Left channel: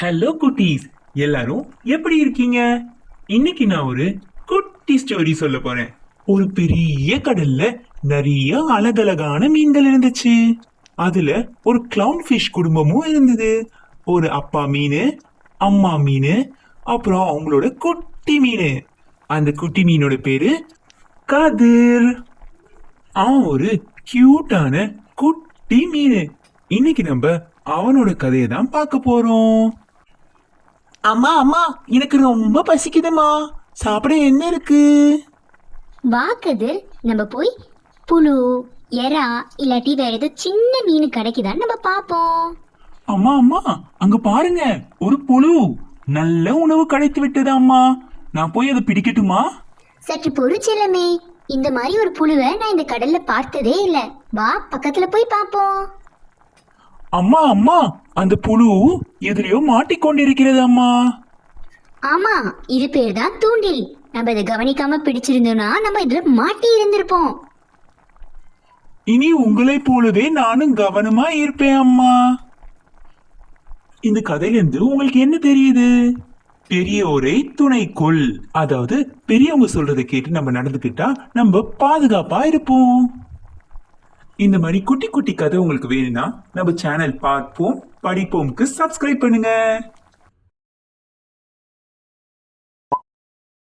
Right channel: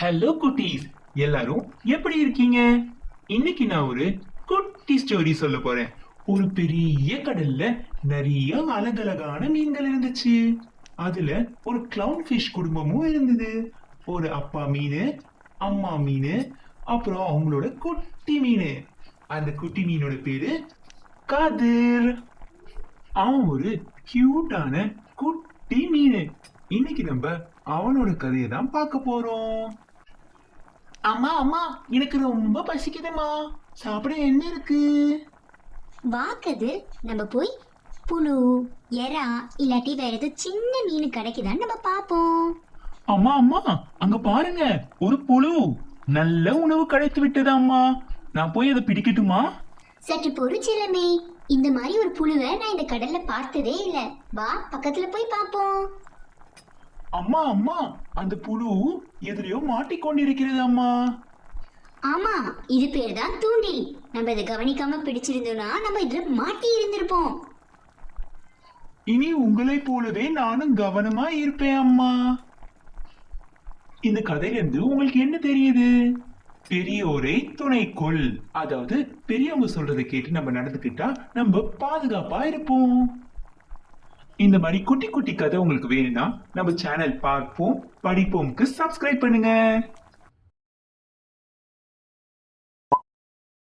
Hello குட்டீஸ் எல்லாரும் எப்படி இருக்கீங்க? இன்னைக்கு நான் ஒரு குட்டி ஸ்டோரி சொல்ல போறேன். ஒரு பெரிய கடல்ல நிறைய அழகழகான மீன்கள் இருந்துச்சு. அதுல ஒரு கிளவுன் ஃபிஷ் குடும்பமும் இருந்தது. ஒரு அப்பா மீன் அம்மா மீன் அப்புறம் அவங்களோட குட்டி மீன். அந்த குட்டி மீனோட பேரு கதிர். அவன் ஒரு கியூட்டான குட்டி மீன். இன்னைக்கு நம்ம அவனோட கதையை தான் பார்க்க போறோம். அம்மா அம்மா எனக்கு ரொம்ப பசிக்குதுமா சாப்பிட என்ன இருக்கு? வா கதிர் நம்ம போய் புழு எறா இல்லாட்டி வேற ஏதோ சின்ன மீன் கிடைக்குதான்னு நம்ம பார்ப்போம் அம்மா அம்மா அங்க பாருங்க. ஒரு புழு. நல்ல உணவு கிடைத்து விட்டது அம்மா. நான் போய் அதை பிடிக்கட்டுமா? சற்று பொறுச்சிலமே இந்த மாதிரி ஒரு புழுவை நான் இந்த கடல்ல பார்த்ததே இல்ல. வா பக்கத்துல போய் பார்ப்போம் அம்மா அம்மா அந்த புழு எதிரையோ மாட்டிக்கொண்டிருக்கிறது அம்மா ஆமா இது பேர் தான் தூண்டில். நம்ம இதை கவனிக்காம பிடிச்சிருந்தோம்னா நம்ம இதுல மாட்டி இருந்திருப்போம். இனி உங்களை போலவே நானும் கவனமா இருப்பேன் அம்மா. இந்த கதையிலிருந்து உங்களுக்கு என்ன தெரியுது? பெரியோரை துணை கொள். அதாவது பெரியவங்க சொல்றதை கேட்டு நம்ம நடந்துக்கிட்டா நம்ம பாதுகாப்பா இருப்போம். இந்த மாதிரி குட்டி குட்டி கதை உங்களுக்கு வேணும்னா நம்ம சேனல் பார்ப்போம் படிப்போம்க்கு சப்ஸ்கிரைப் பண்ணுங்க.